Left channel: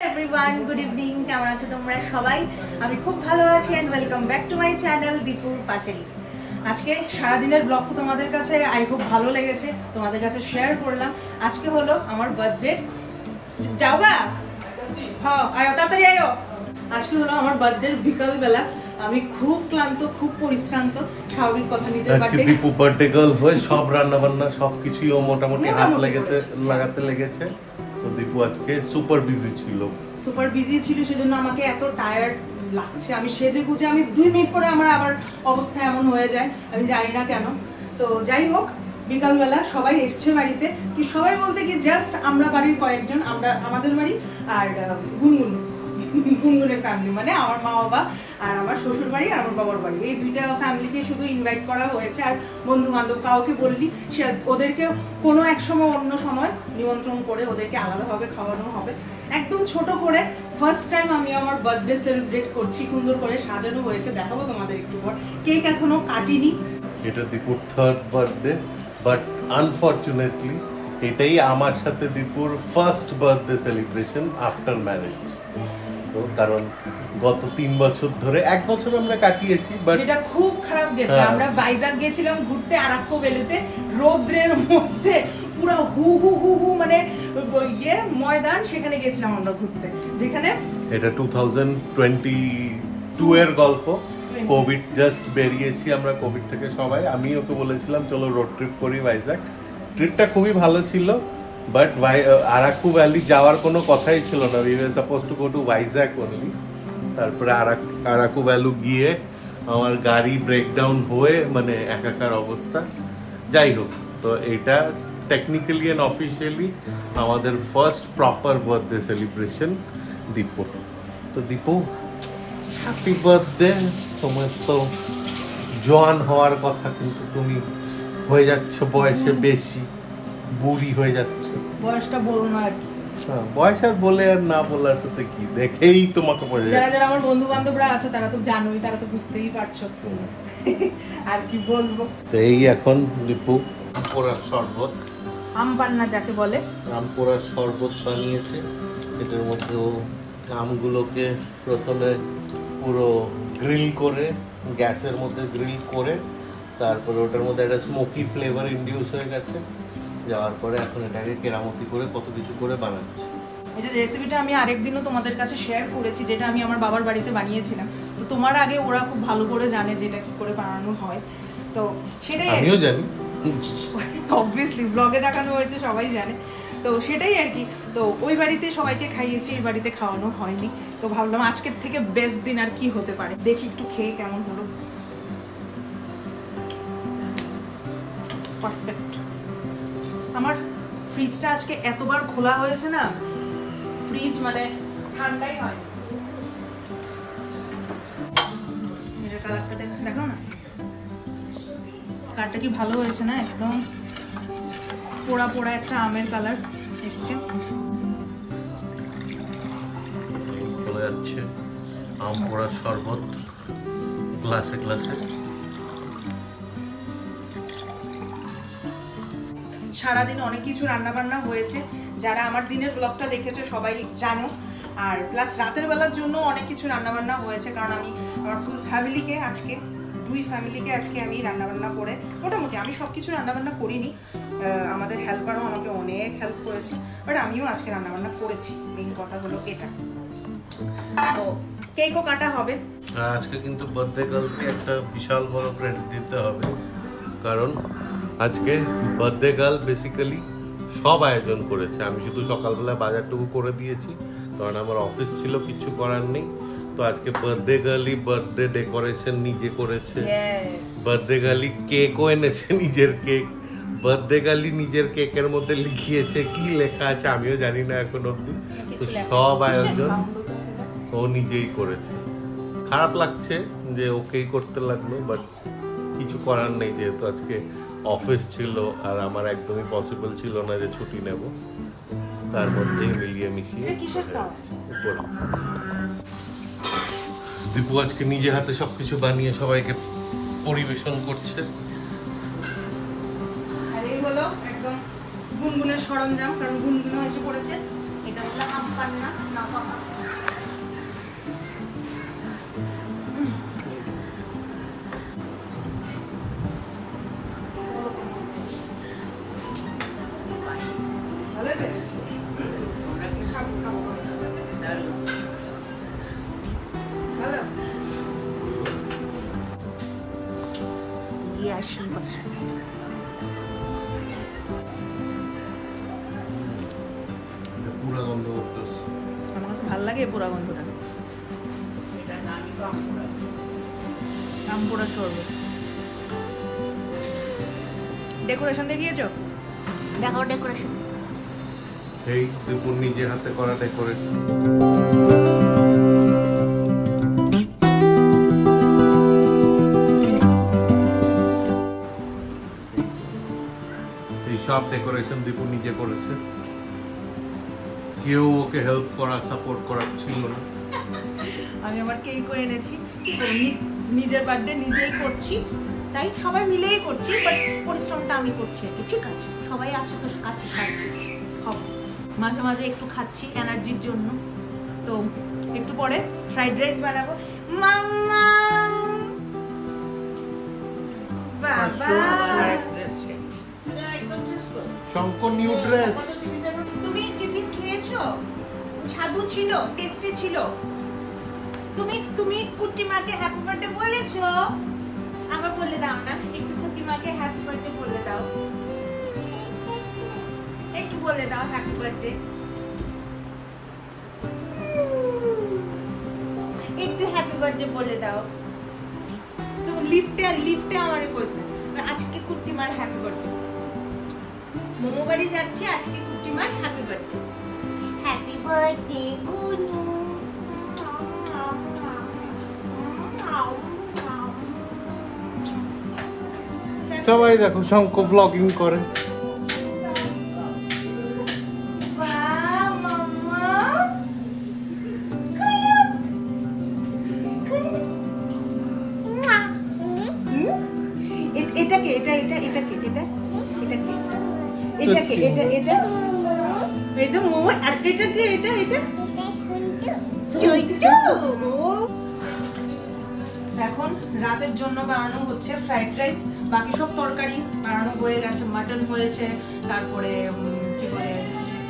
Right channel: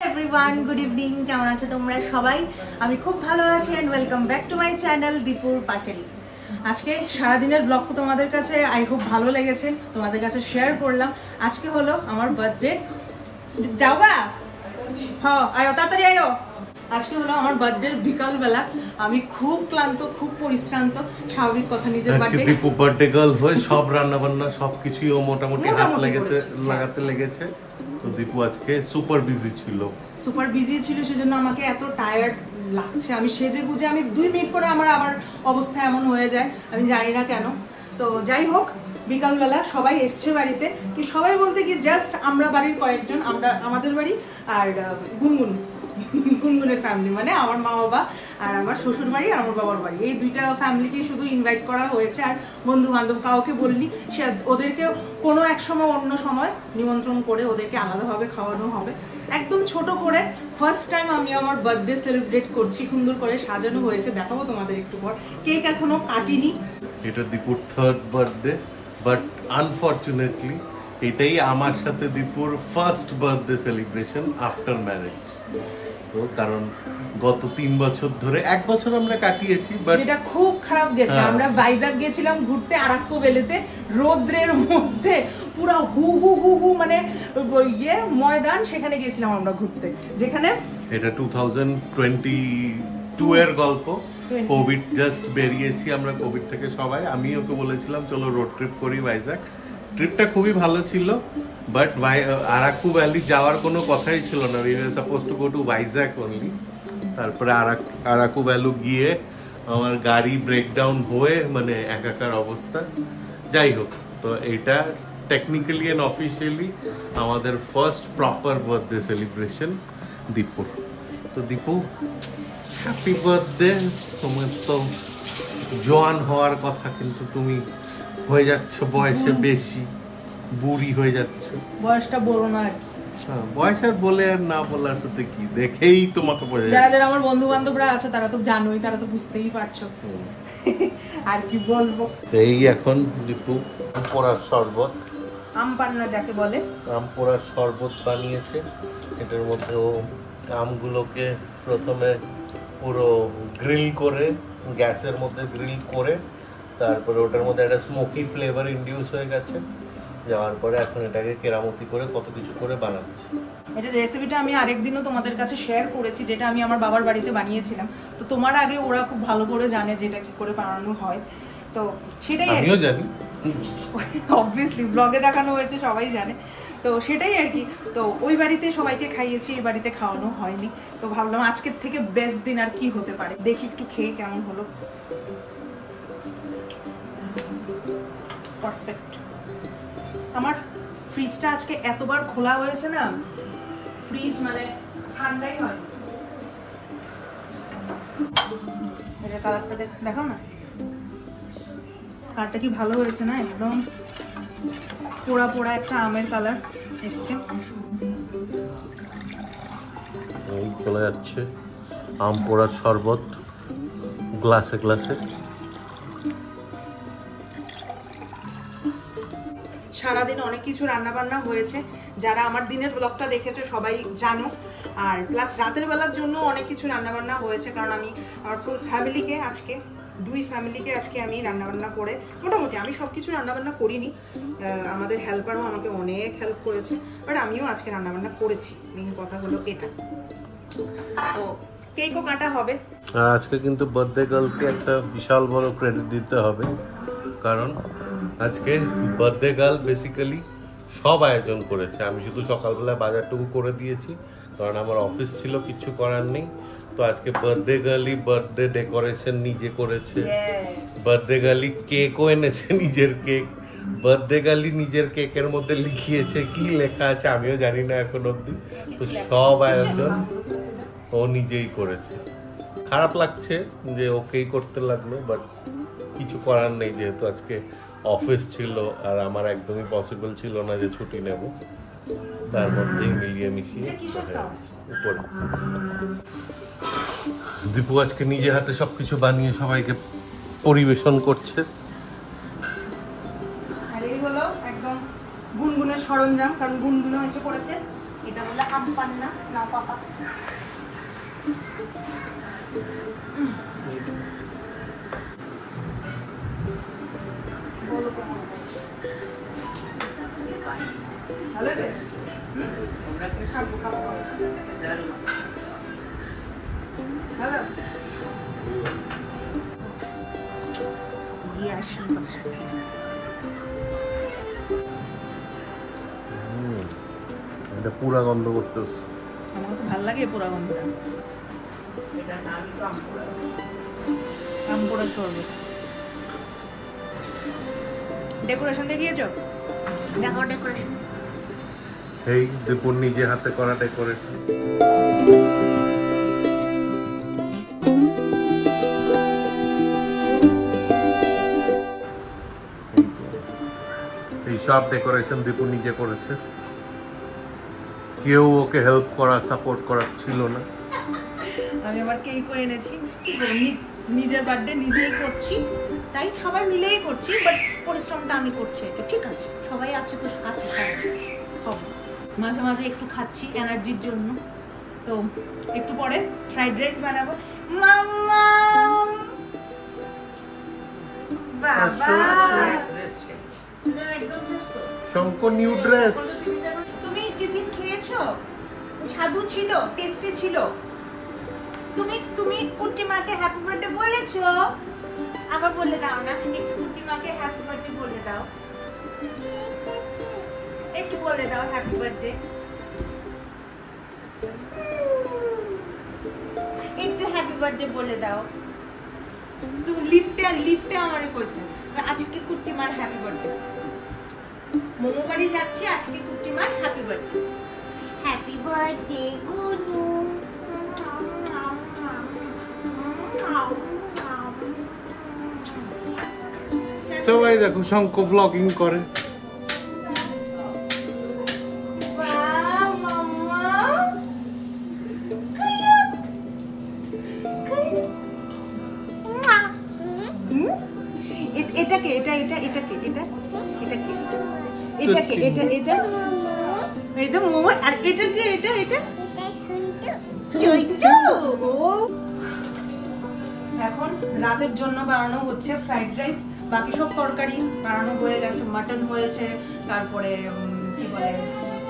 Everyone, good evening. কেমন আছো তোমরা সবাই? আমি খুব ভালো আছি and welcome back to my channel দীপুর পাঁচালী। আজকে সারাদিনের ব্লগ তোমাদের কাছে আই হোপ ভালো লেগেছে, তোমাদের কাছে শেয়ার করলাম। আজকে হলো আমার বার্থডে। যাবা? হ্যাঁ, আয়ো তাড়াতাড়ি আয়ো। আজকে হলো আমার বার্থডে বিকালবেলা। আমি খুব ক্লান্ত, খুব পরিশ্রান্ত, স্বাভাবিক কথা। নিজের আজকে দীপু বার্থডে গার্ল হয়ে সব রান্না বান্না সবকিছুই ও মোটামুটি হাত লাগাতে লেগেছে। তো দীপু আজকে সুপার বিজি ছিল, সেজন্য আমাকে এত টায়ার্ড লাগছে। আমি সেজে গুজে আমি 2 মিনিট পরে আমার অবস্থা এমন হয়ে যায়, আমি জানি না কেন। তো যাই হোক, বিকালবেলা সবাই এসছে বাড়িতে। কি সবাই বলতে কি জাস্ট আমরা বাড়ির কয়েকজন, আমাদের বাড়ি আর গুনগুনের ফ্যামিলি, মানে আমার মা বাবা আর আমার শ্বশুর বাড়ি আর আমার বাবার বাড়ি, এই দুইটা ফ্যামিলিকে শুধু ইনভাইট করা হয়েছে। আর বন্ধু বান্ধব কাউকে বললি সে ওদেরকে কোনো এক সময় অন্য সময় নিমন্ত্রণ করে ওদেরকে আলাদাভাবে খাওয়ানো হবে, একদম ছোট করে। ফার্স্ট টাইম আমি আমার বার্থডে সেলিব্রেট করছি, সুন্দর করে সাজানো হয়েছে, দেখাবো তোমাদের একটু পর। কেক এখনো কাটিনি। এটা দীপুর 3rd বার্থডে, বাট আনফরচুনেটলি এটাই আমার সাথে দীপুর first birthday celebration after marriage. তো কারণ গত 3 বছর ধরে 1 বছর আমরা কাটিয়েছি, বাট যেটা খুব খারাপ গেছে। আমরা ভাইজাগ গিয়েছিলাম ঘুরতে, আরাক্কো ভ্যালিতে, রোদ্রের মধ্যে পুরো হু হু হু হু মানে ময়দান, সেখানে গিয়েছিলাম আমরা ঘুরতে। যেখানে এটা 2022 এর গল্প। কোভিড জাস্ট বেরিয়েছি আমরা কোভিড থেকে সবাই। আমি ওকে বলেছিলাম চলো রোড ট্রিপ করি ভাইজাগ। ট্রিপটা খুবই ভালো ছিল, বাট আরাকু ভ্যালি যাওয়ার কোনো কথাই ছিল না। We were suppose to go to Vizag only. তারপরে আরাকু ভ্যালু গিয়ে আমার গাড়ি ব্রেকডাউন হয়ে মানে একাকার অবস্থা। যাই হোক, তো এটা টেকনিক্যালি এন্ড অফিসিয়ালি আমাদের ফার্স্ট প্রপার বার্থডে সেলিব্রেশন দীপুর। তো দীপু, হ্যাপি বার্থডে। তোমার তো জোয়ান হওয়ার কথা, কিন্তু তুমি হয়ে যাচ্ছ বয়সে বেশি, বুড়ি হয়ে যাচ্ছ। বয়সটা বলো না আর কি। বয়স আর বলে আর না বলার সাথে কি, দেখেই তোমাকে বোঝা যায়। যারা আমার বন্ধু বান্ধবরা আছে তারা তো জানোই, তারা তো বুঝতেই পারছো। আর কি বলবো। তো এই এখন দীপু পোড়ার শরবত, আম পান্না যাকে বলে, আম পোড়ার শরবত বানিয়েছে। এটার মধ্যে ও আমগুলোকে প্রথমে পুরো গ্রিল করে, গ্যাসের মধ্যে গ্রিল করে, তারপরে ওটার মধ্যে একটা স্মোকি ফ্লেভার ইনডিউস হয়ে গেছে। যাওয়ার পরে এখন এটাকে কেরামতি করে কত কিছু করে বানাচ্ছে। এটা রেসিপিটা আমি আরেকদিনও তোমাদের কাছে শেয়ার করেছি, যেটা আমি আমার বাবার বাড়িতে বানিয়েছিলাম। তো তোমার আগে ওরা খুব ভালো করে জানে যেটা কি করে বানানো হয়, তো সেটাই আমিও জানি, অবভিয়াসলি ব্লগে দেখানো হয়েছে, সবাই জানে। তো সেটাই আর কি। তো ওই বাড়িতে সবাইকে খাইয়েছি, এই বাড়িতে খাওয়ানো হয়নি। তো ভাবলাম আজকের থেকে বেস্ট দিন আর কি হতে পারে। দেখি একটু খেয়ে কেমন হলো। পারফেক্ট। আমার ফ্রিজটা আজকে এতবার খোলা হয়েছে না, ফ্রিজ মানে ঠান্ডাই হয়। এটার কালারটা দেখো না, কালারটা কি ভালো হয়েছে না? একদম পোড়া পোড়া একটা আমের কালার এসছে। চলে যাচ্ছে আম পোড়ার শরবত গ্লাসে গ্লাসে। সারাদিন অনেক কিছু রান্না বান্না হয়েছে, যারা আমার দিনের ব্লগটা দেখেছো সবাই জানো। আর প্লাস রাতের বেলার জন্য অনেক কিছু রান্না বান্না হয়েছে, কারণ আমি আমার ফুল ফ্যামিলিকে আজকে, 2 ফ্যামিলিকে আজকে আমি রান্নাবান্না করে, মোটামুটি আমি সবকিছু রান্নাবান্না করিনি, আমাদের হেল্পারও আমাকে অনেক হেল্প করেছে, বাট আমিও আজকে রান্নাবান্না করেছি। মেইন কথা হলো এটা। তো কেকও কাটা হবে আজকে, কিন্তু বার্থডে গার্লকে একটা বিশাল বড় ক্রেডিট দিতে হবে, কারণ আজকে বার্থডে গার্ল বেসিক্যালি সব আয়োজন করেছে। আমি শুধু সকালবেলা বাজারটুকু করে দিয়েছি, কারণ আমার অফিস ছিল, কিছু করার নেই। তো আজকে বার্থডে গার্লই বার্থডে ডেকোরেশন নিজে করেছে, বার্থডে গার্লই কেকও এনেছে, নিজের কেক। বার্থডে গার্লই নিজের কেকের মধ্যে লিখিয়েছে, কি লেখা আছে আমিও জানি না এখন অব্দি। তো সব আয়োজন ও নিজেই করেছে। খারাপ লাগছে যে ওকেই করতে লাগলো, বাট কিছু করার নেই, যেহেতু আজকে অফিস ছিল আর আমার একদমই পসিবল ছিল না যে ছুটি নেব। তার মধ্যেই মিলিয়ে মিশিয়ে উপরে দীপু আজকে নিজে হাতে সবকিছু বানিয়ে সবাইকে পরিবেশন করছে। আর এই হলো একদম গুনগুনের সরঞ্জাম, কারণ গুনগুনে এসে পড়েছে এটা বলে আম পান্না না পাপা। এটা পুরা গন্ধ করতেছে। আমার কাছে ভালো লাগে পুরা গন্ধটা। আম পোড়া শরবত। ডেকোরেশন দেখিয়েছো? দেখো ডেকোরেশন। এই দীপুর নিজে হাতে করা ডেকোরেশন। এই সব ডেকোরেশন দীপু নিজে করেছে, কেউ ওকে হেল্প করা সাপোর্ট করার ছিল না। আমি আমার কেকও এনেছি, কি করব, নিজের বার্থডে নিজেই করছি, তাই সবাই মিলেই করছি, বাট পরিশ্রমটা আমি করছি। ঠিক আছে, সবাই আছে তো কাছে হবে। মাঝে মাঝে একটু খাচ্ছি এনার্জির জন্য। তো একটু পরে ফ্রাইড রাইস বানাবো। মাম্মা শঙ্কর নিউ ড্রেস। তুমি টিফিন খেয়েছো? স্বাদু ছিল, টেস্টি ছিল। তুমি কুট্টি মাকে হ্যাপি বার্থডে বলেছো? আবার বলে দাও না, একটু কুট্টি মাকে হ্যাপি বার্থডে বলে দাও, একটু বলে দাও হ্যাপি বার্থডে, একটু হ্যাপি বার্থডে বলে দাও। তুমি লিফটে আমারে কইছে আজকে কুট্টি মার হ্যাপি বার্থডে, মোমো বাড়ি যাচ্ছি, আজকে কুট্টি মার happy birthday. Happy birthday Gunu. সবাই দেখো শঙ্ক ব্লগিং করে। এটাকে এটা এটা এটাকে এটা এটাকে এটাকে এটা এটা এই তো মোমো। আর এটা কি? এটা এটা এখন রাতের জন্য বানানো হচ্ছে ফ্রাইড রাইস। বাকি সব তরকারি বানানো হয়ে গেছে, মাটন হয়েছে, তারপরে কি বলে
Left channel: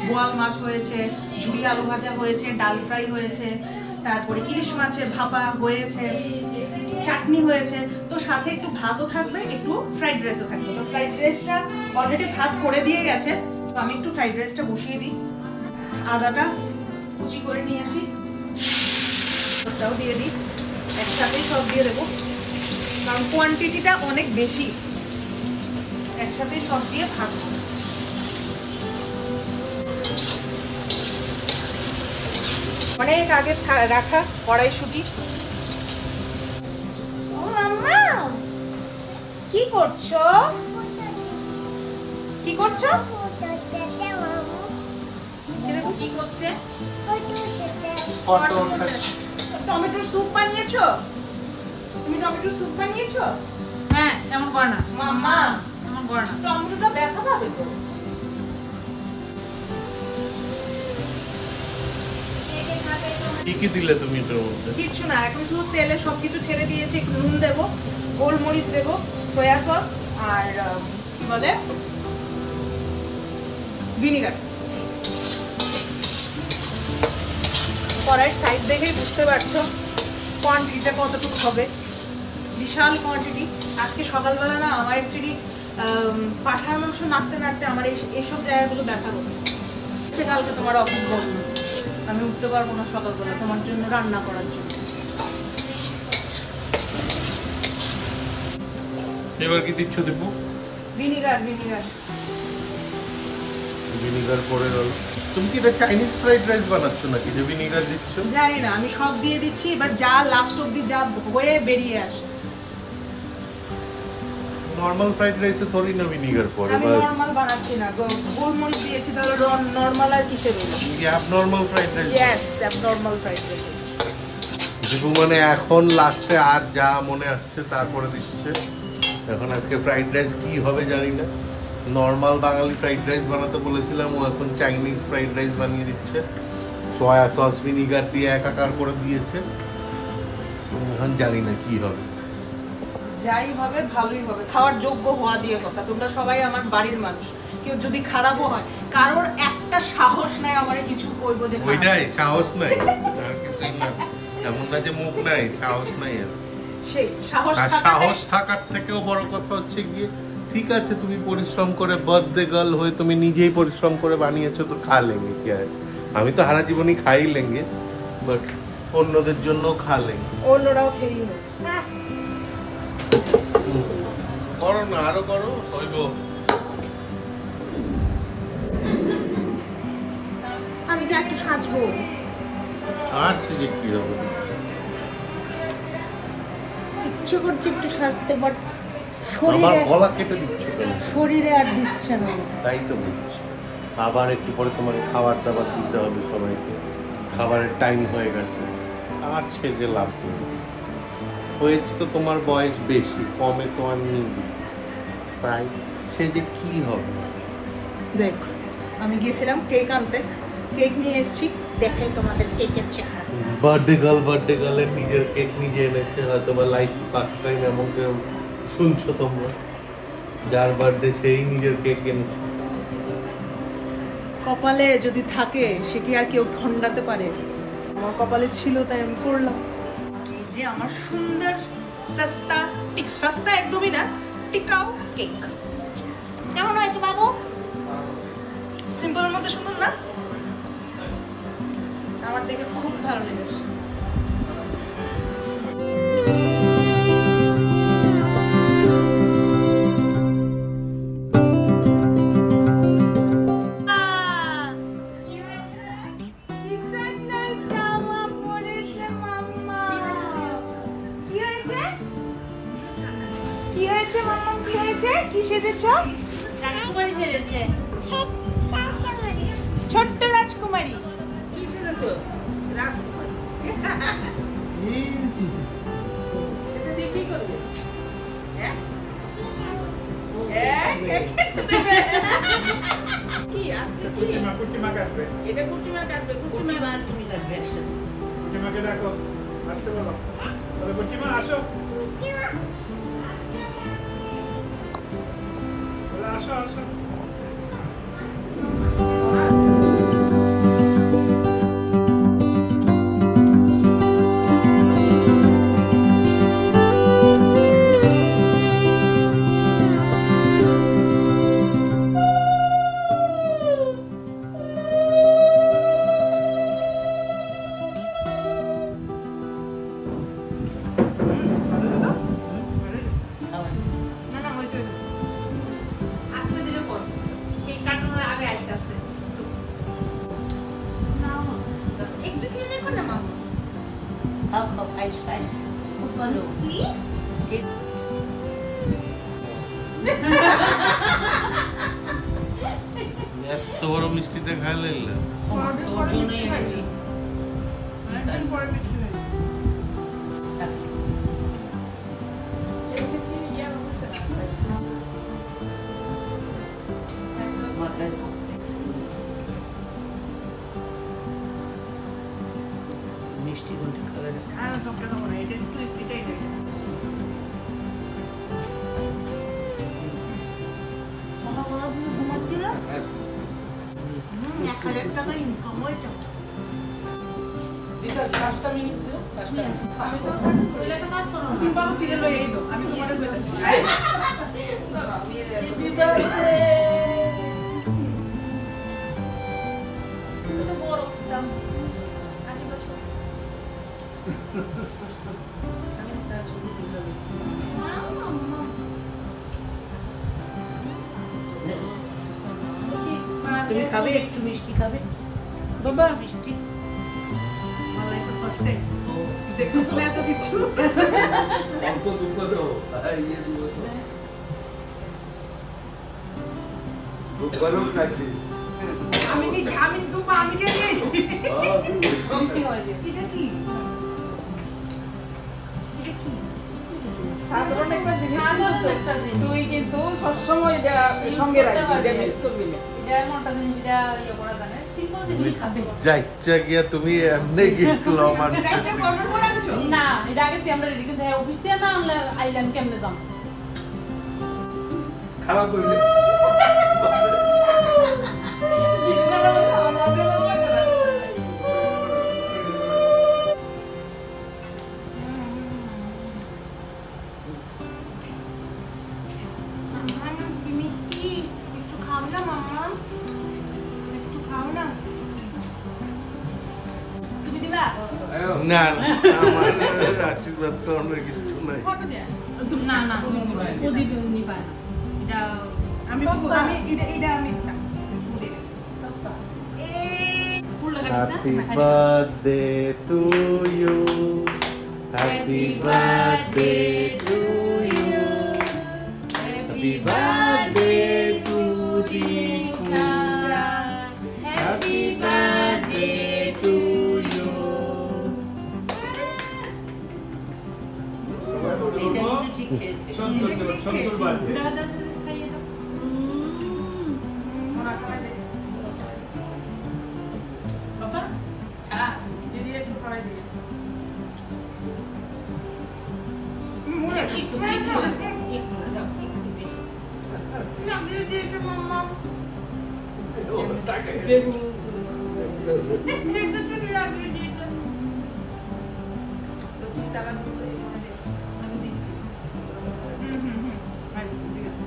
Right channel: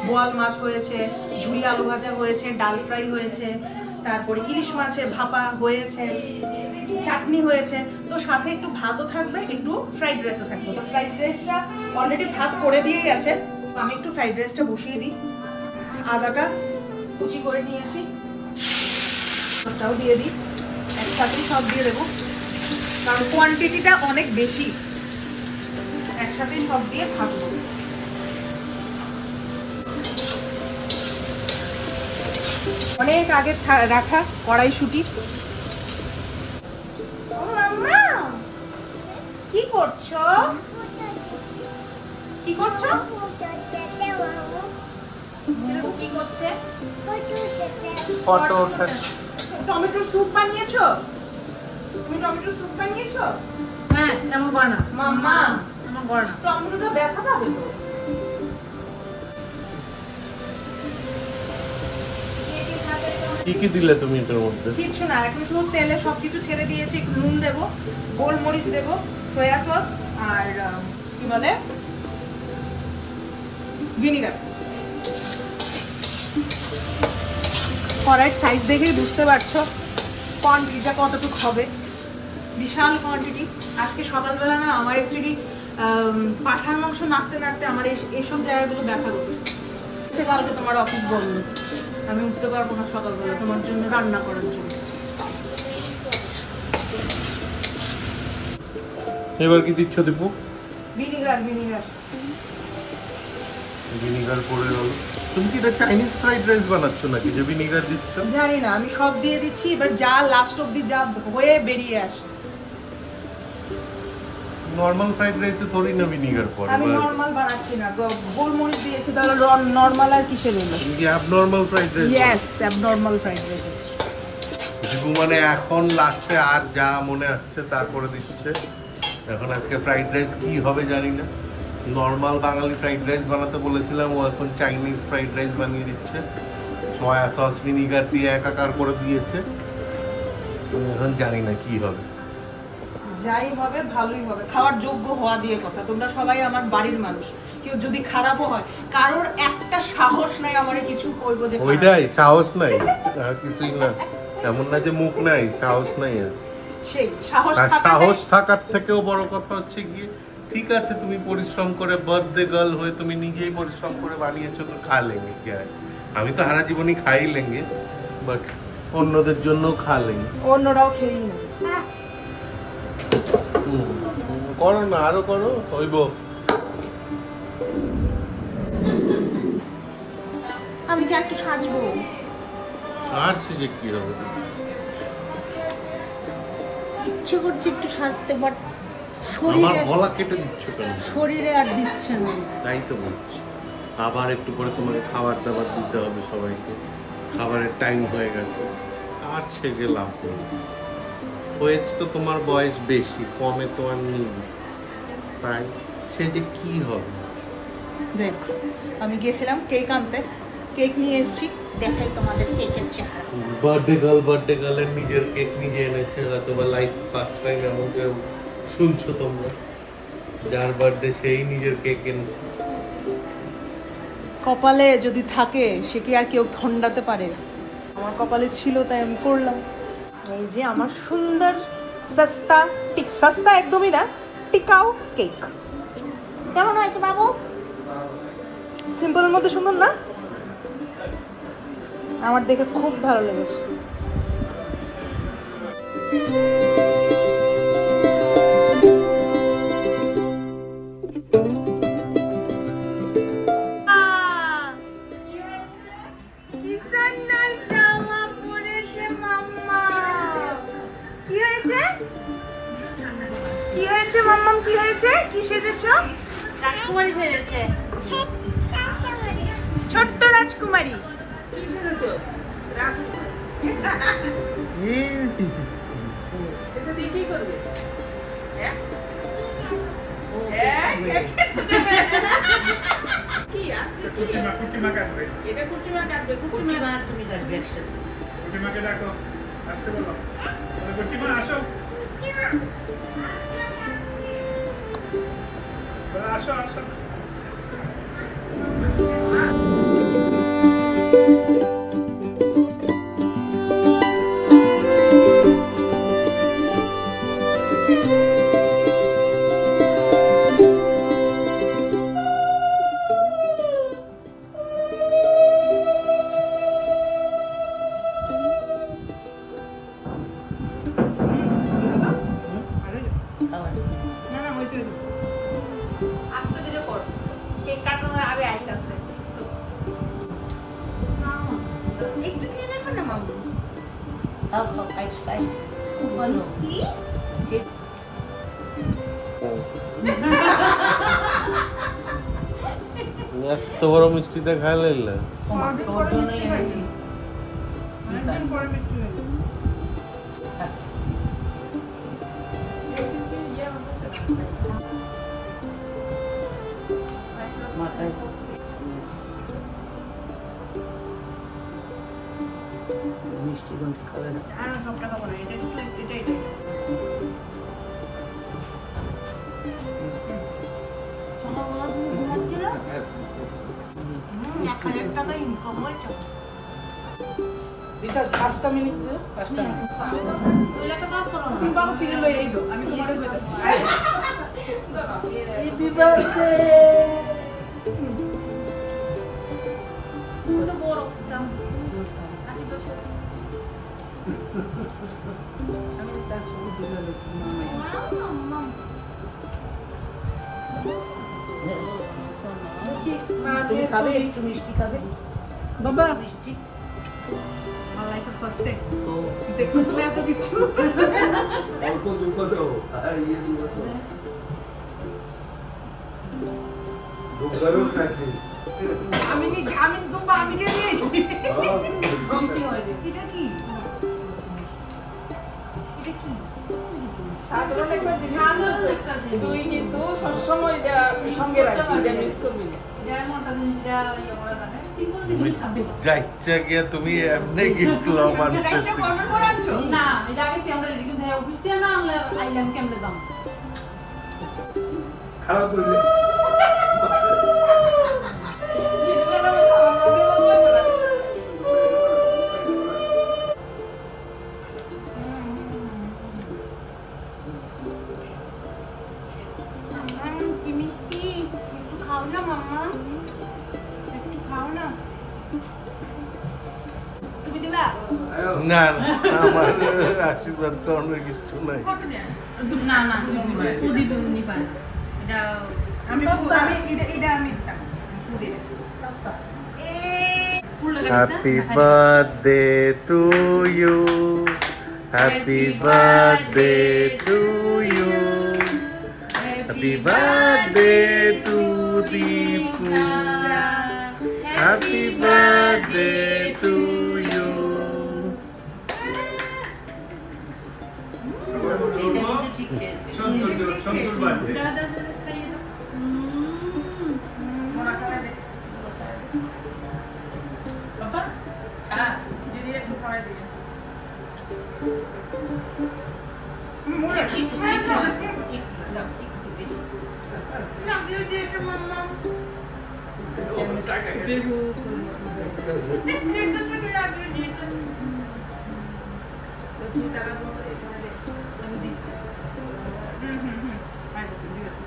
বোয়াল মাছ হয়েছে, ঝুরি আলু ভাজা হয়েছে, ডাল ফ্রাই হয়েছে, তারপরে ইলিশ মাছের ভাপা হয়েছে, চাটনি হয়েছে। তো সাথে একটু ভাতও থাকবে, একটু ফ্রাইড রাইসও থাকবে। তো ফ্রাইড রাইসটা অলরেডি ভাত করে দিয়ে গেছে, তো আমি একটু ফ্রাইড রাইসটা বসিয়ে দিই। আদাটা কুচি করে নিয়েছি, ওটাও দিয়ে দিই, একসাথেই সব দিয়ে দেবো, কারণ কোয়ান্টিটিটা অনেক বেশি, একসাথেই সব দিয়ে ভাজবো। অনেক আগে রাখা কড়াইশুঁটি। কি করছো? কি করছো? কি করছে? টমেটো স্যুপ বানিয়েছো? তুমি টমেটো স্যুপ বানিয়েছো? হ্যাঁ, এমন করো না মাম্মা, এমন করো না, টমেটোটা ব্যথা পাবে তো। কি কি দিলে তুমি এটার মধ্যে? কিছু না, এখন শুধু তেলে সবকিছু ছেড়ে দিয়েছি। একটু নুন দেবো, গোলমরিচ দেবো, সয়া সস, আর কি বলে ভিনিগার। কড়াইয়ের সাইজ দেখেই বুঝতে পারছো কোয়ান্টিটিটা কতটুকু হবে, বিশাল কোয়ান্টিটি। আজকে সকালবেলা না আমার অ্যাকচুয়ালি পাঠার মাংস নাড়তে নাড়তে আমার এইসব জায়গাগুলো ব্যথা করছে। কালকে তোমার অফিস বন্ধ, আমি উঠতে পারবো না সকালবেলা তোমার জন্য রান্না করার জন্য। এবার কি দিচ্ছ দীপু? ভিনিগার। ভিনিগার ভিনিগার পড়ে গেল। তুমি কি এটা চাইনিজ ফ্রাইড রাইস বানাচ্ছ নাকি যে ভিনিগার দিচ্ছ? জানি না, আমি সব দিয়ে দিচ্ছি, এবার যা লাস্ট অবধি যা হয়ে বেরিয়ে আসে। নরমাল ফ্রাইড রাইসে থোড়ি না ভিনিগার পড়ে। আমি নরমাল বানাচ্ছি না, গোলমরিচ দিয়েছি, তাহলে নরমাল আর কিসের না? ইয়ে abnormal fried rice. Yes, abnormal fried rice. Dipu মানে এখন লাস্টে আর যা মনে আসছে তা করে দিচ্ছে। এখন আজকে ফ্রাইড রাইস কি হবে জানি না, নর্মাল বাঙালি ফ্রাইড রাইস বানাতে বলেছিলাম, ও এখন চাইনিজ ফ্রাইড রাইস বানিয়ে দিচ্ছে। সয়া সস ভিনিগার দিয়ে একাকার করে দিয়েছে। এখন জানি না কি হবে। যাই হবে ভালোই হবে, খাওয়ার যোগ্য হওয়া দিয়ে কথা। তোমরা সবাই আমার বাড়ির মানুষ, কেউ যদি খারাপও হয়, কারোর একটা সাহস নাই আমারে কিছু কইবো যে ওইটাই সাহস নাই, আর কিছুই না। এমন না যে মুখ নাই, সাহস নাই। সেই সাহস আর সাহস থাকার থেকেও বড় কথা হচ্ছে গিয়ে, ঠিক আছে তুমি পরিশ্রম করে বার্থডে গার্ল হয়ে তুমি নিজেই পরিশ্রম করে বানিয়েছো, তো খা লেঙ্গে কি আর। আমি তো সারা জীবনই খাই লেঙ্গে, বাট অন্যদের জন্য খা লেঙ্গে, অন্যরাও খেয়ে নেবে। করো না, আরো করো, হইব। আমি কি একটু সাজবো? আর সে যে কি হবে, ইচ্ছে করছে একটু সাজতে, বাট আমার গলা কেটে দিচ্ছ কেন? শরীরে আর দিচ্ছে না। তাই তো বলছি, আবার একটু পরে তোমাকে খাবার দাবার দিতে হবে সবাইকে, খাবারের টাইম হয়ে গেছে। আর সে যে লাভ করবে, হয়েছে তো তোমার বয়স বেশি, কমে তো আর নেই, তাই সে যে কি হবে। দেখ, আমি গেছিলাম কেক আনতে, কেক নিয়ে এসেছি, দেখাই তোমাদের কেকের চেহারা। বার্থডে গার্লের নিজের কেক নিজে এনেছে, হয়তো বা লাইফ ফার্স্ট টাইম এমন কেউ শুনছো তোমরা, যার বার্থডে সেই নিজের কেক এনেছে। কপালে যদি থাকে সে কি আর কেউ ঠন্ডাতে পারে? আমার কপালে ছিল তাই আমি করলাম। এই যে আমার সুন্দর সস্তা, সস্তা একদমই না, টিকাও কেক। কেমন হয়েছে বাবু? সিম্পলের মধ্যে সুন্দর না? আমার দেখে খুব ভালো লেগেছে। কি হয়েছে মাম্মাম, কি হয়েছে? কি সেজেছো? রাজকুমারী সেজেছে। ছোট্ট রাজকুমারী। কি সেজেছো? রাজকুমারী। এটা দিয়ে কি করবে? হ্যাঁ? কি আজকে কি? কুটিমা কাটবে। এটা কুটিমা কাটবে, কুটিমা আর তুমি কাটবে একসাথে। কুটিমাকে ডাকো, আসতে বলো। বলে কুটিমা আসো। বলে আসো আসো। আস্তে ধীরে করো, কেক কাটানোর আগে আস্তে আস্তে। একটু খেয়ে দেখো না মাম্মা। খাও খাও, খাইস খাইস, খুব ভালো। এত বড় মিষ্টিটা খাইলে তোর জন্যই এনেছি। অনেকদিন পরে মিষ্টি হলো। মাথায় মিষ্টি গুলো খাবে না। আর সবটা খাবো না, এটা একটু এটাই দেয়। সকালবেলা তুমি ঘুমাচ্ছিলে? 1000 টাকা ইনকাম হয়েছে। তুমি বাবু ফিরে লই এই দো, আমি তোমারে কইতাছি। তুমি খাবে একটু মিষ্টি খাবে? বাবা মিষ্টি আল্লাহ তো ফার্স্ট টাইম তো দেখছো শুনে এত কিছু। অল্প দুঃখ দেবো, আমি দুম্বা আমি কে দিয়েছি। মিষ্টি খাবে। এটা কি? এটা কি? সাধারণ একটা জিনিস তুই কিন্তু সবসময় এটা সঙ্গে রাখবি, এটা মিস করবি না। যা ইচ্ছা গিয়া তুমি এমনি গিফট লও মানুষের যাইটা কর্নার করে আনছো? না এটা আগে আমরা রেডি করে অফিস থেকে না আমরা আইলাম কেমনে যাম খারাপ হইলে কি মিষ্টি, একটু খাও না মাম্মা, একটু খাও না। তুমি দিবা? না না, আমার আশীর্বাদ করানোর কিছু নাই। না না ও দিবে উনি পায় না এটা আমি এটা আমি ফুল লাগা happy birthday to you, happy birthday to you, happy birthday to Dipu, happy birthday to you. সন্তুর বার্থডে দাদা খাইয়ে দাও বাবা চা দিদি একটু খাওয়াই দিই। একটু দাও একটু বেশি লাগিয়ে দিয়েছে মাম্মা। বেগু দেখতে ছোট লাগিয়ে দিয়েছে। তুমি টাকা দিতে এখানে দে। আমি দিছি। আচ্ছা ঠিক আছে।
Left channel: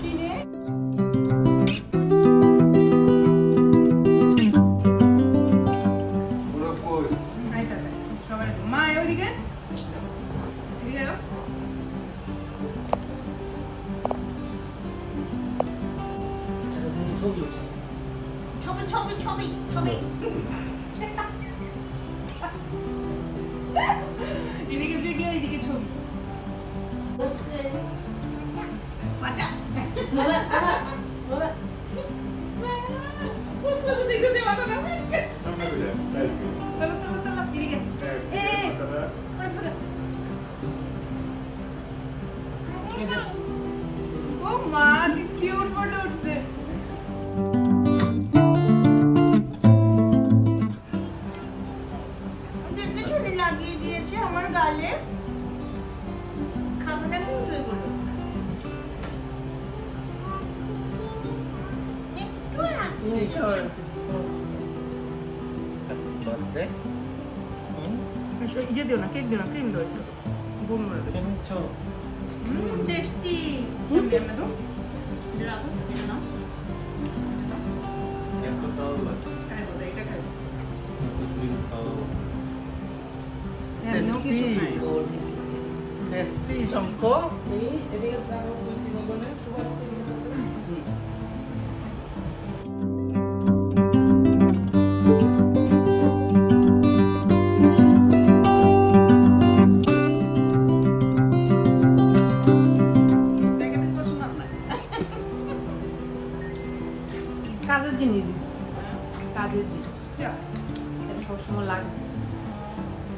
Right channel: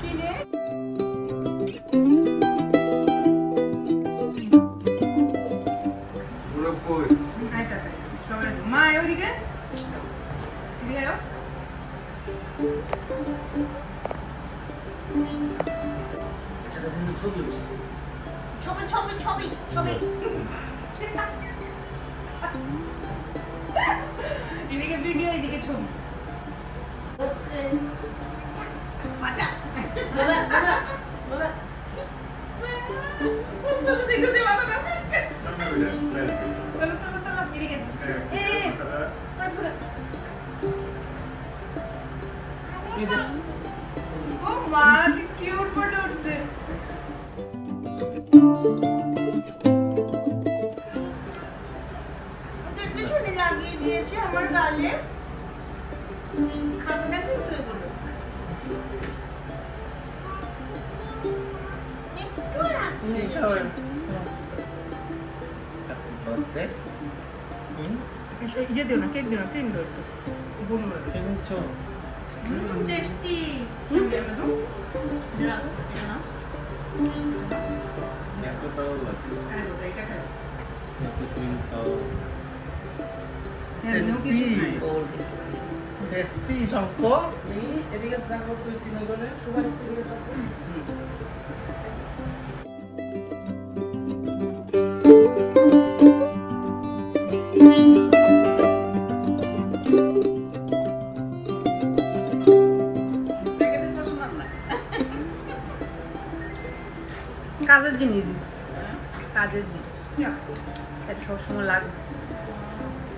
কি নে? আইতাছে, সবাই একটু। মা ওইদিকে এদিকে এলো। ছবি ছবি ছবি ছবি এদিকে ভিডিও, এদিকে ছবি। পাটা বাবা বাবা বাবা বুঝতে দেখতে মাথা না। চলো চলো চলো এদিকে। ও মা কি কিউট ফটো উঠছে। দেখতে ছুরি লাগিয়ে দিয়েছে আমার গালে। খাবো না কি তুই বলো? একটু লাগিয়ে ইয়ে দিও না, কেক দিও না, ক্রিম দিও একটু। গোল করে দিও। টেস্টি। এমনি এমনি দাও। রাখো এটা নাও হ্যাঁ বোধহয় এটা খাই। টেস্টি শঙ্খ এদিকে থাকো 2-3 গলে সুগার ঠিক আছে। কাজের জিনিস দিস কাজের জিনিস এটা সবসময় লাগে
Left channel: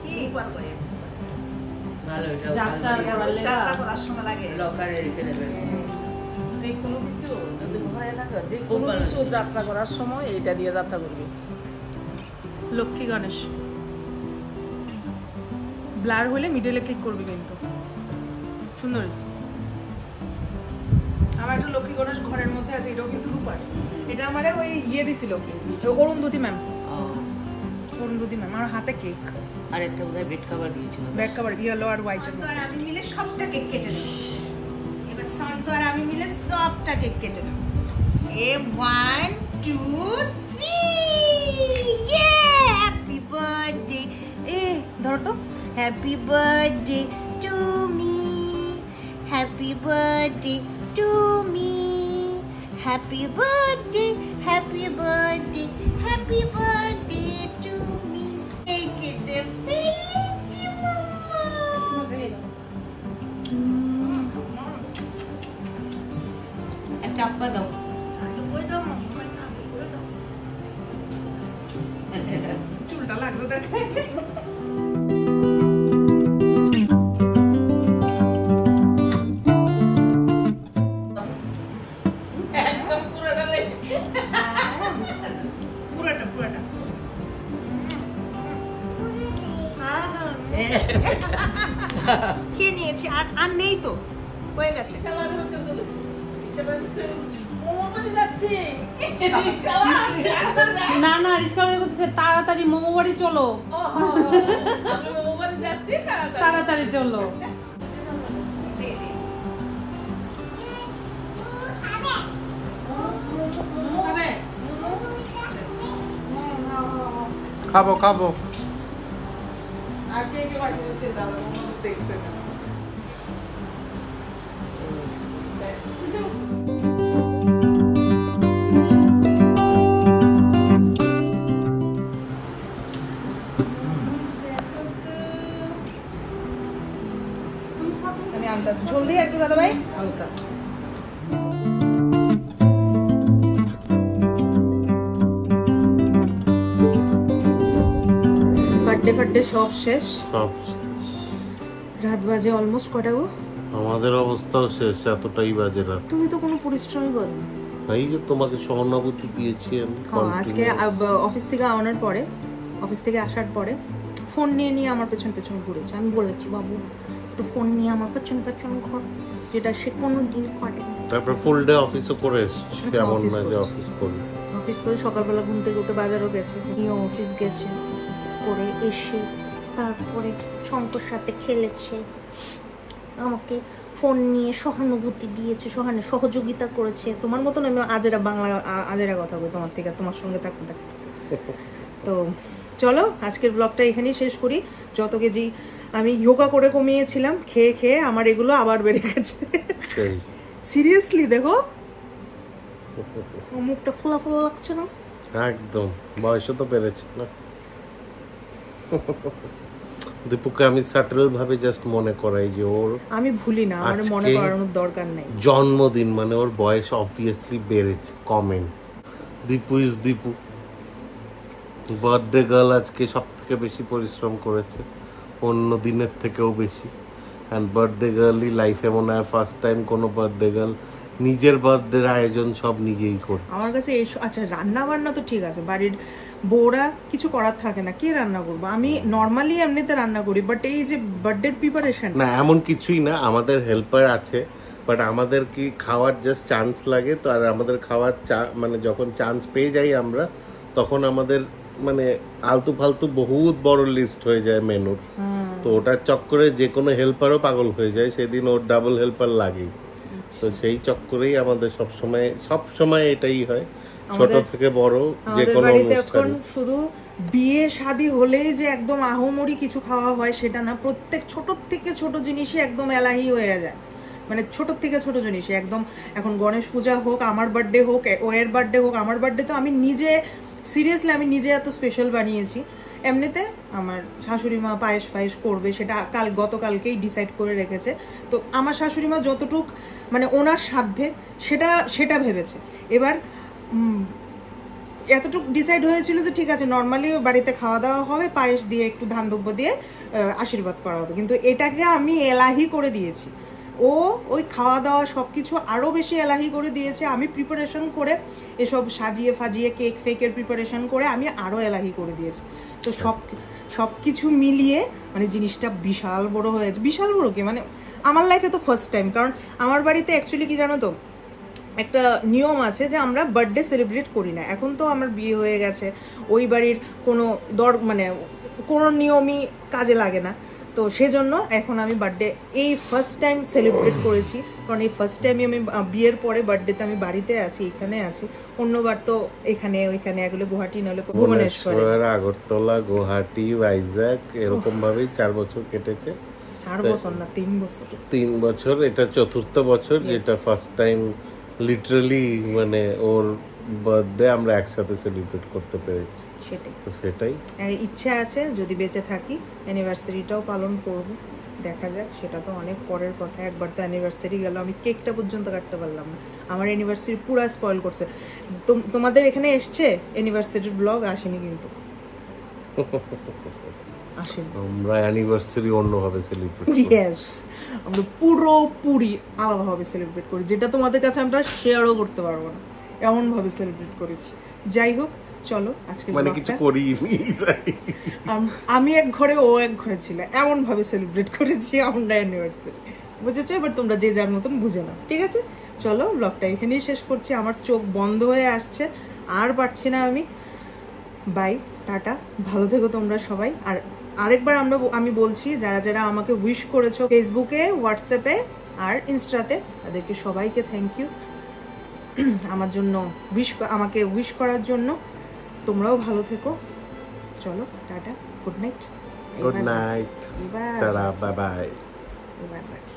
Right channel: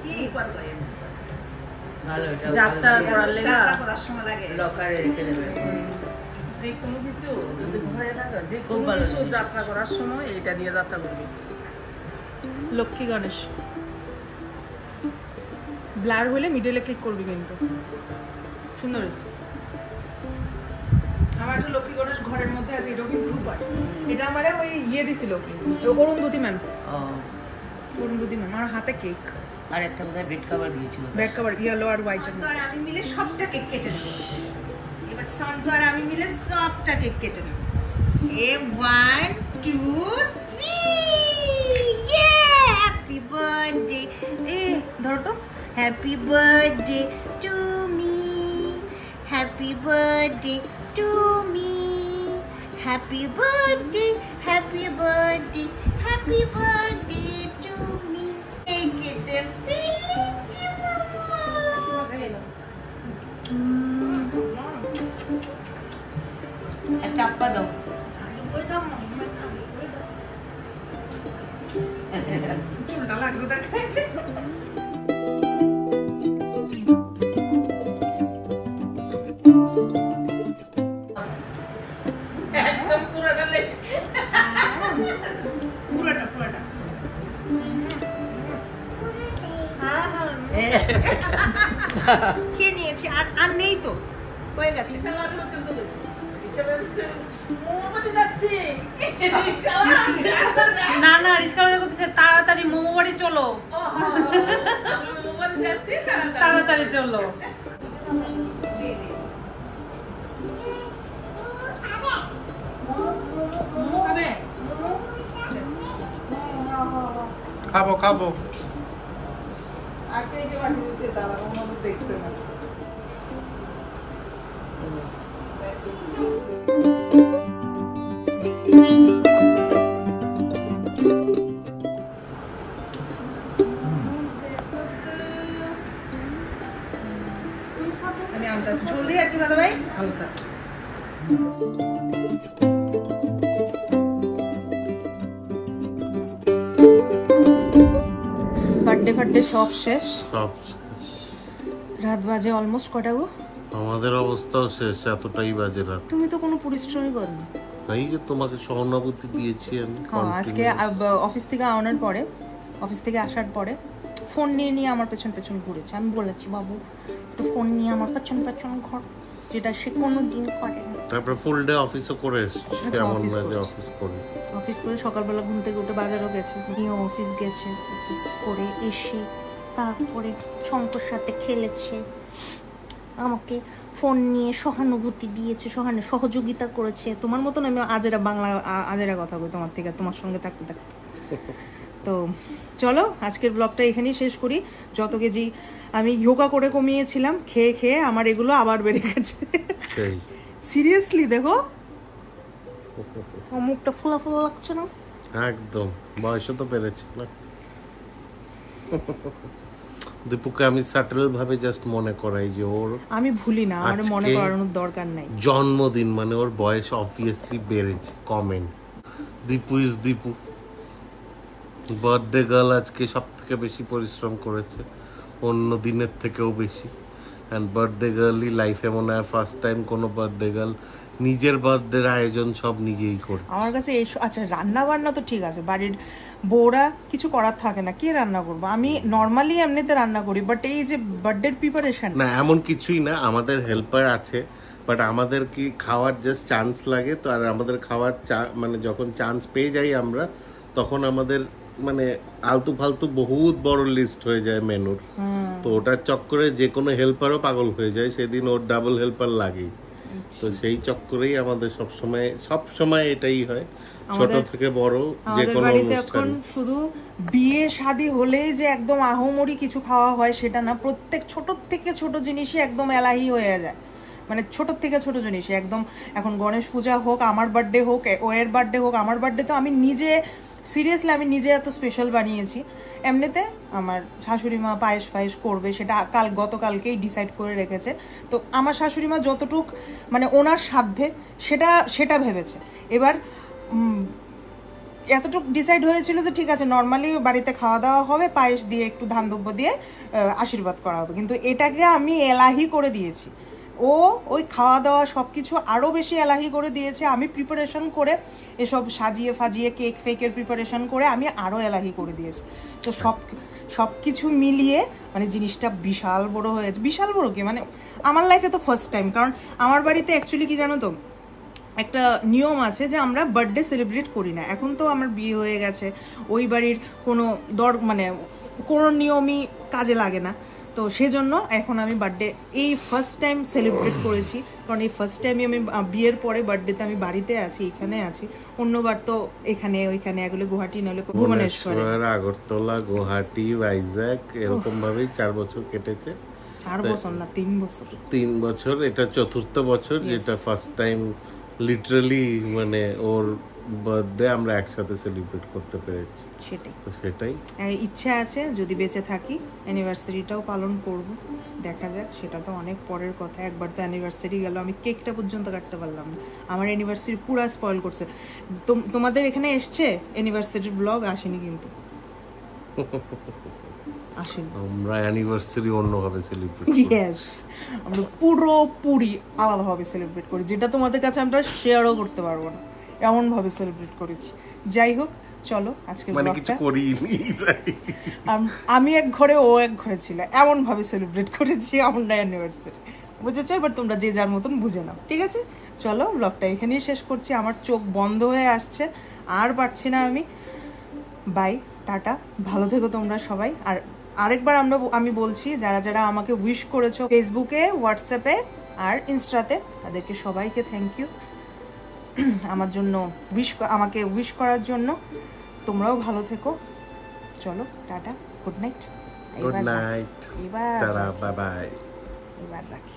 কি করবো ভালো এটা যাত্রা করার লেগা যাত্রা করার সময় লাগে। লকারে রেখে দেবে যে কোনো কিছু যদি ঘরে থাকে, যে খুব কোনো ভালো কিছু জিনিস। যাত্রা করার সময় এটা দিয়ে যাত্রা করবে। লক্ষ্মী গণেশ ব্লার হলে মিডলে ক্লিক করবি কিন্তু সুন্দর হয়েছে। আমার একটা লক্ষ্মী গণেশ ঘরের মধ্যে আছে, এটাও কিন্তু রূপার। এটা আমারে ওই ইয়ে দিছিল কি অরুন্ধতী ম্যাম, অরুন্ধতী ম্যাম। আমার হাতে কেক, আর একটা বোধহয় বেড কভার দিয়েছিল ব্যাক কভার ইয়েলো আর হোয়াইটের মধ্যে। আমি মিলে সবটা কেক কেটে নেব এবার। সন্ত আর আমি মিলে সবটা কেক কেটে নেব। এ 1 2 3 ইয়ে হ্যাপি বার্থডে। এ ধরো তো। Happy birthday to me, happy birthday to me, happy birthday, happy birthday, happy birthday to me. এই কেটে ফেলেছি মাম্মা। একটা চাপ্পা দাও ওই দাও মাম্মা, ওই দাও। চুলটা লাগছে দেখ। একদম পুরোটা লেট। পুরোটা পুরোটা। খেয়ে নিয়েছি, আর আর নেই তো, হয়ে গেছে। বিশাল হতে বলেছে। বিশাল মোমো বাড়ি যাচ্ছে। বিশাল না না রিস্কা করে করতেছে তাড়াতাড়ি মোমো বাড়ি চলো, মোমো বাড়ি যাচ্ছে তাড়াতাড়ি চলো। মোমো খাবে? খাবো খাবো। আর কে কে বাড়ি দিয়েছে দাদা মোমো দেখছে না। আমি আনতেছি, ঝোল দিয়ে আর কি দাদা ভাই? হালকা বার্থডে ফার্থডে সব শেষ, সব রাত বাজে অলমোস্ট কটা গো? আমাদের অবস্থাও শেষ, এতটাই বাজে রাত। তুমি তো কোনো পরিশ্রমই করনি। এই যে তোমাকে সহানুভূতি দিয়েছি আমি। হ্যাঁ, আজকে অফিস থেকে আনার পরে, অফিস থেকে আসার পরে ফোন নিয়ে নিয়ে আমার পেছন পেছন ঘুরেছে। আমি বলেছি বাবু একটু ফোন নিয়ে আমার পেছন পেছন ঘর, যেটা সে কোনো দিন করে। তারপর ফুল ডে অফিসও করে এসেছি, আচ্ছা, এমন অফিস না যে করেছে। অফিস করি। অফিস করে সকালবেলা ঘুম থেকে উঠে বাজারও গেছে, নিয়ে অফিস গেছে, অফিস করে এসে তারপরে শঙ্কর সাথে খেলেছে, আমাকে ফোন নিয়ে সহানুভূতি দিয়েছে, সহযোগিতা করেছে। তোমার মতন আমি আজেরা বাংলা আজেরা কথা বলি তোমার থেকে, তোমার সঙ্গে থাকতে থাকতে। তো চলো আজকের ব্লগটা এখানেই শেষ করি। যত কেজি আমি যোগা করে কমিয়েছিলাম খেয়ে খেয়ে আমার এগুলো আবার বেড়ে গেছে। সেই সিরিয়াসলি দেখো মুখটা ফোলা ফোলা লাগছে না? একদম, বয়সও তো পেরেছে না। দীপুকে আমি সাটল ভাবে জাস্ট মনে করাই যে ওর আমি ভুলি না, আমার মনে আজকে করানোর দরকার নাই। জন্মদিন, মানে ওর বয়স অবভিয়াসলি বেড়েছে। Comment, Dipu is Dipu. Birthday girl আজকে সব থেকে বেশি পরিশ্রম করেছে, অন্য দিনের থেকেও বেশি। অ্যান্ড বার্থডে গার্লই লাইফে মনে হয় ফার্স্ট টাইম কোনো বার্থডে গার্ল নিজের বার্থডের আয়োজন সব নিজেই করে। আমার কাছে এই আচ্ছা রান্না বান্না তো ঠিক আছে, বাড়ির বউরা কিছু করার থাকে না, কে রান্না করবো? আমি নর্মালি এমনিতে রান্না করি, বাট এই যে বার্থডে প্রিপারেশন না এমন কিছুই না, আমাদের হেল্পার আছে, বাট আমাদের কি খাওয়ার জাস্ট চান্স লাগে তো। আর আমাদের খাওয়ার মানে যখন চান্স পেয়ে যাই আমরা, তখন আমাদের মানে আলতু ফালতু বহুত বড় লিস্ট হয়ে যায় মেনুর। তো ওটার চক্করে যে কোনো হেল্পারও পাগল হয়ে যায়, সেদিন ওর ডাবল হেল্পার লাগেই। তো সেই চক্করেই আমাদের সবসময় এটাই হয়, ছোট থেকে বড় যে কোনো অনুষ্ঠান। শুধু বিয়ে শাদী হলেই যে একদম আহমরি কিছু খাওয়া হয় সেটা না, প্রত্যেক ছোট থেকে ছোট জিনিসই একদম এলাহি হয়ে যায়। মানে ছোট থেকে ছোট জিনিস একদম, এখন গণেশ পূজা হোক, আমার বার্থডে হোক, ওয়ের বার্থডে হোক, আমার বার্থডে তো আমি নিজে সিরিয়াসলি আমি নিজে এত স্পেশাল বানিয়েছি। এমনিতে আমার শাশুড়ি মা পায়েস ফায়েস করবে, সেটা গতকালকেই ডিসাইড করে রেখেছে। তো আমার শাশুড়ি মা যতটুক মানে ওনার সাধ্যে সেটা ভেবেছে। এবার এতটুকু ডিসাইড হয়েছিল যে ঠিক আছে নর্মালি বাড়িতে খাওয়া দাওয়া হবে, পায়েস দিয়ে একটু ধান দুব্য দিয়ে আশীর্বাদ করা হবে, কিন্তু এটাকে আমি এলাহি করে দিয়েছি। ও ওই খাওয়া দাওয়া সবকিছু আরো বেশি এলাহি করে দিয়েছে, আমি প্রিপারেশন করে এসব সাজিয়ে ফাজিয়ে কেক ফেকের প্রিপারেশন করে আমি আরো এলাহি করে দিয়েছি। তো সবকিছু মিলিয়ে মানে জিনিসটা বিশাল বড় হয়েছে। বিশাল বড় কি মানে আমার লাইফে তো ফার্স্ট টাইম, কারণ আমার বাড়িতে অ্যাকচুয়ালি কি জানো তো একটা নিয়ম আছে যে আমরা বার্থডে সেলিব্রেট করি না। এখন তো আমার বিয়ে হয়ে গেছে, ওই বাড়ির কোনো মানে কোনো নিয়মই কাজে লাগে না। তো সেজন্য এখন আমি বার্থডে এই ফার্স্ট টাইম সেলিব্রেট করেছি, কারণ এই ফার্স্ট টাইমে আমি বিয়ের পরে বার্থডেতে আমি বাড়িতে আছি, এখানে আছি। অন্যবার তো এখানে ওইখানে এগুলো গুয়াহাটি নইলে ভুবনেশ্বর, আগরতলা, গুয়াহাটি, ভাইজ্যাক এরকম ভাবেই 4 বছর কেটেছে। 4 বছর না 3 বছর। 3 বছর, এটা 4th বছর, যেটা ফার্স্ট টাইম লিটারালি মানে ওর বার্থডে আমরা একসাথে সেলিব্রেট করতে পেরেছি, সেটাই তো সেটাই ইচ্ছে আছে, যদি বেঁচে থাকি অ্যানিভার্সারিটাও পালন করব, দেখা যাক, সেটা তো অনেক পরের কথা। একবার তো অ্যানিভার্সারি গেল, আমি কেকটা পর্যন্ত কাটতে পারলাম না, আমার অ্যানিভার্সারি পুরো স্পয়েল করছে। তোমাদের এখানে এসছে অ্যানিভার্সারির ব্লগ? আসেনি কিন্তু, আসেনি। আমরা অ্যানিভার্সারি অন্যভাবে সেলিব্রেট করি। ইয়েস, আমরা পুরোপুরি আলাদাভাবে সেলিব্রেট করি, যেটা তোমাদের কাছে আমরা শেয়ারও করতে পারবো না, এমন ভাবে সেলিব্রেট করেছি। যাই হোক, চলো আজকে মানে কিছু করিনি, আমি এক ঘরে, ও এক ঘরে ছিল, এমন ভাবে সেলিব্রেট করেছি আমরা অ্যানিভার্সারি, বুঝেছো? এবার তোমরা যে যার মতন বুঝে নাও, ঠিক আছে? চলো ব্লগটা এখানেই শেষ করছি, আমার চোখ বন্ধ হয়ে আসছে, আর পারছি না আমি। বাই, টাটা, ভালো থেকো তোমরা সবাই। আর আরেকবার আমি বলছি, যারা যারা আমাকে উইশ করেছো ফেসবুকে, হোয়াটসঅ্যাপে আর ইনস্টাতে, তাদেরকে সবাইকে থ্যাংক ইউ আমার জন্য আমাকে উইশ করার জন্য। তোমরাও ভালো থেকো, চলো tata, good night. Good night, tata, bye bye. এবার রাখি।